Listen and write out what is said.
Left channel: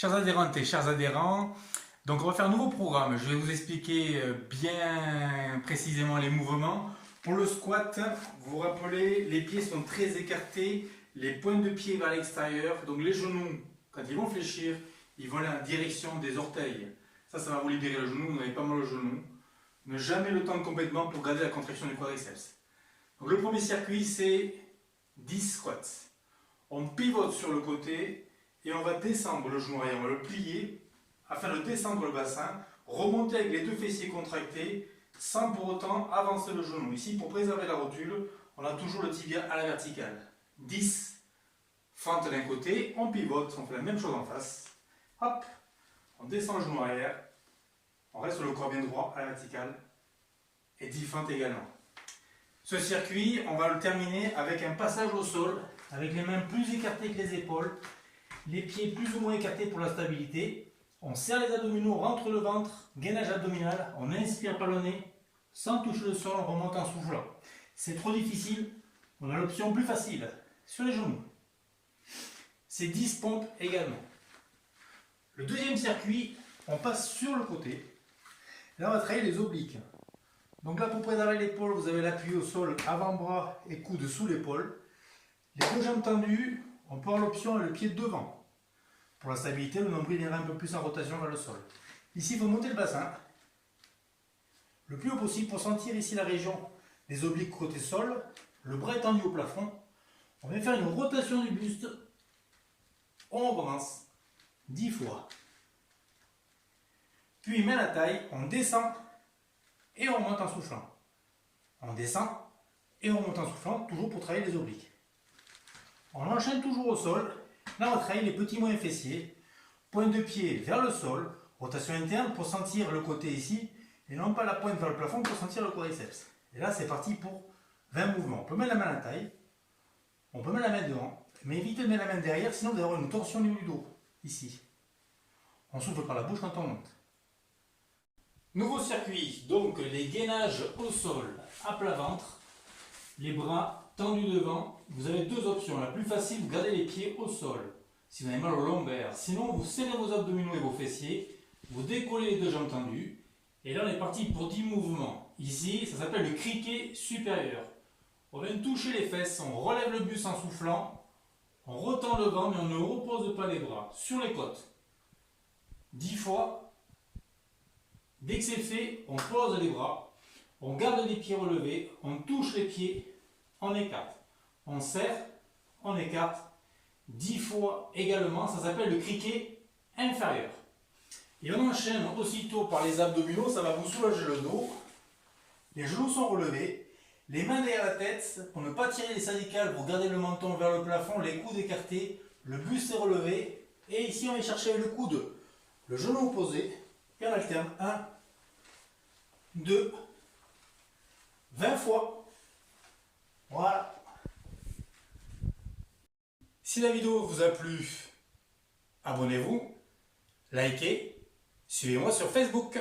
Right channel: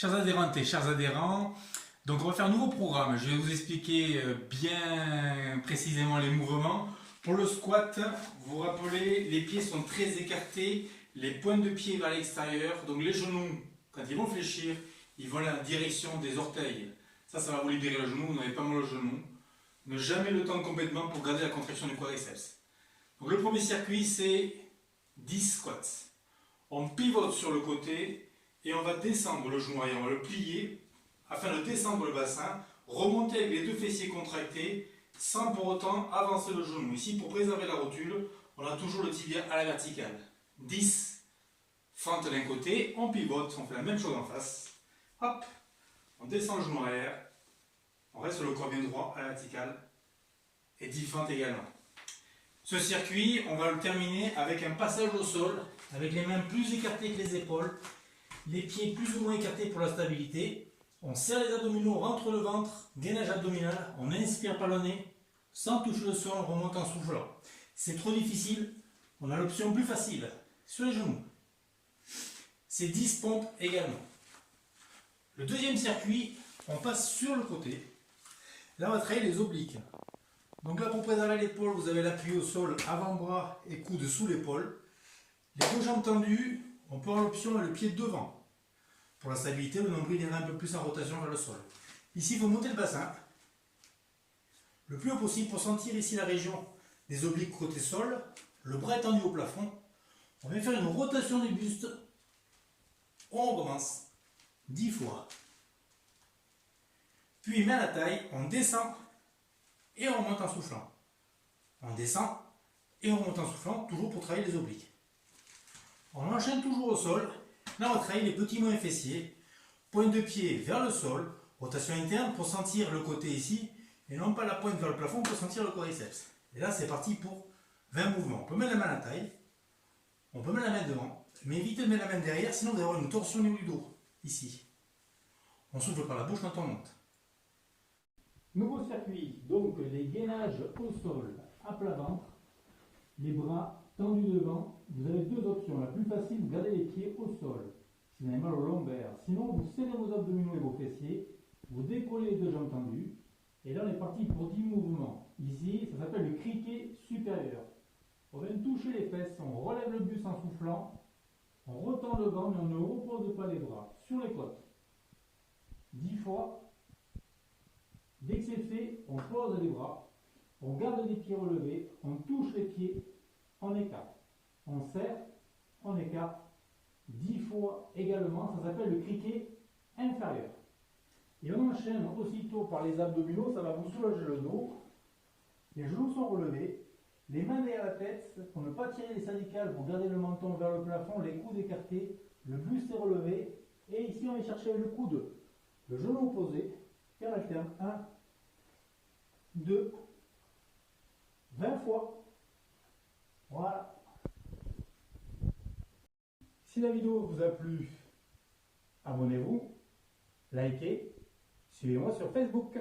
Chers adhérentes et chers adhérents, donc on va faire un nouveau programme. Je vais vous expliquer bien précisément les mouvements. Pour le squat, vous vous rappelez, les pieds sont très écartés, les pointes de pied vers l'extérieur, donc les genoux, quand ils vont fléchir, ils vont aller en direction des orteils. Ça va vous libérer le genou, vous n'avez pas mal au genou. Ne jamais le tendre complètement pour garder la contraction du quadriceps. Donc le premier circuit, c'est 10 squats. On pivote sur le côté et on va descendre le genou arrière, on va le plier afin de descendre le bassin, remonter avec les deux fessiers contractés sans pour autant avancer le genou. Ici, pour préserver la rotule, on a toujours le tibia à la verticale. 10 fentes d'un côté, on pivote, on fait la même chose en face. Hop, on descend le genou arrière, on reste le corps bien droit à la verticale et 10 fentes également. Ce circuit, on va le terminer avec un passage au sol, avec les mains plus écartées que les épaules, les pieds plus ou moins écartés pour la stabilité. On serre les abdominaux, on rentre le ventre, gainage abdominal, on inspire par le nez, sans toucher le sol, on remonte en soufflant. C'est trop difficile, on a l'option plus facile, sur les genoux. C'est 10 pompes également. Le deuxième circuit, on passe sur le côté. Là, on va travailler les obliques. Donc là, pour préserver l'épaule, vous avez l'appui au sol, avant-bras et coude sous l'épaule. Les deux jambes tendues, on peut avoir l'option et le pied devant. Pour la stabilité, le nombril ira un peu plus en rotation vers le sol. Ici, il faut monter le bassin le plus haut possible pour sentir ici la région des obliques côté sol. Le bras est tendu au plafond. On va faire une rotation du buste. On recommence 10 fois. Puis, main à la taille, on descend et on remonte en soufflant. On descend et on remonte en soufflant, toujours pour travailler les obliques. On enchaîne toujours au sol. Là, on travaille les petits moyens fessiers. Pointe de pied vers le sol. Rotation interne pour sentir le côté ici. Et non pas la pointe vers le plafond pour sentir le quadriceps. Et là, c'est parti pour 20 mouvements. On peut mettre la main à la taille. On peut mettre la main devant. Mais évitez de mettre la main derrière, sinon vous allez avoir une torsion au niveau du dos. Ici. On souffle par la bouche quand on monte. Nouveau circuit. Donc, les gainages au sol à plat ventre. Les bras tendus devant. Vous avez deux options. La plus facile, vous gardez les pieds au sol. Si vous avez mal au lombaire. Sinon, vous serrez vos abdominaux et vos fessiers. Vous décollez les deux jambes tendues. Et là, on est parti pour 10 mouvements. Ici, ça s'appelle le criquet supérieur. On vient toucher les fesses. On relève le buste en soufflant. On retend le ventre, mais on ne repose pas les bras. Sur les côtes. 10 fois. Dès que c'est fait, on pose les bras. On garde les pieds relevés. On touche les pieds. On écarte. On serre, on écarte 10 fois également, ça s'appelle le criquet inférieur. Et on enchaîne aussitôt par les abdominaux, ça va vous soulager le dos. Les genoux sont relevés, les mains derrière la tête, pour ne pas tirer les cervicales, vous gardez le menton vers le plafond, les coudes écartés, le buste est relevé. Et ici on va chercher avec le coude, le genou opposé, et on alterne 1, 2, 20 fois. Voilà. Si la vidéo vous a plu, abonnez-vous, likez, suivez-moi sur Facebook.